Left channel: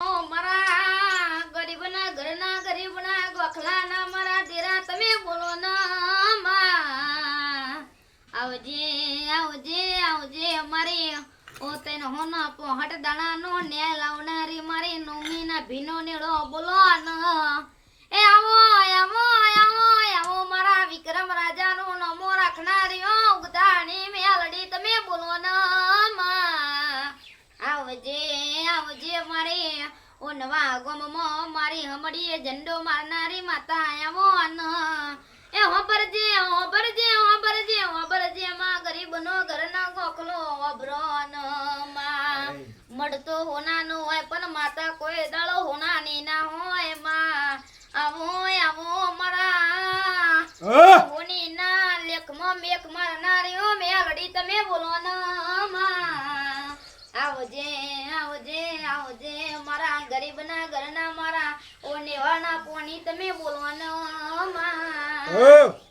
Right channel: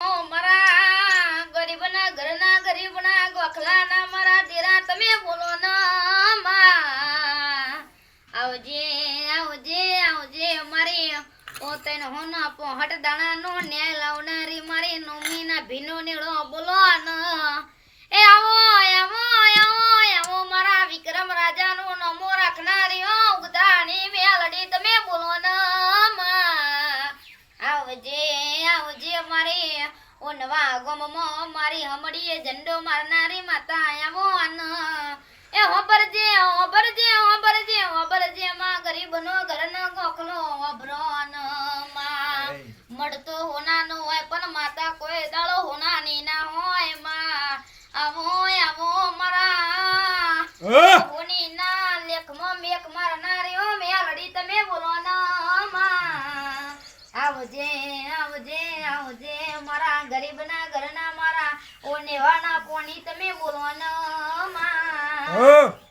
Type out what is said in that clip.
મારા ગરીબના ઘરના ગરીબના ગોખલાના મારા દેરા તમે બોલો ના માં આવજે આવજે આવજે મારી ઓ તૈન હોના પોહટ દાણાનો ને લાવનારી મારી નોમીના ભીનો નેડો બોલો ના એ આવો આવો આવો આવો મારા વિક્રમ રાજાનો નમો રાખનારી ઓ ઉગદાણી મેલડી તમે બોલો ના માં આવજે આવજે મારી ઓ નવા ગોમમાં મારી હમડીએ ઝંડો મારનારી માતા આવો ન એ હોબરજે હોબરજે હોબરજે હોબરજે માં ગરીબનો ઘરનો ગોખલો હોબરો ન માં મળતો હોનાનો હોય પણ માતા કોઈ દાળો હોનાની ના હોય માં આવો આવો મારા હોની ના લેખમાં મેક મારનારી ઓ મેલડી તમે બોલો ન માં આવજે આવજે આવજે મારા ગરીબના ઘરના મારા ઓ નેવાના પોણી તમે બોલો ન માં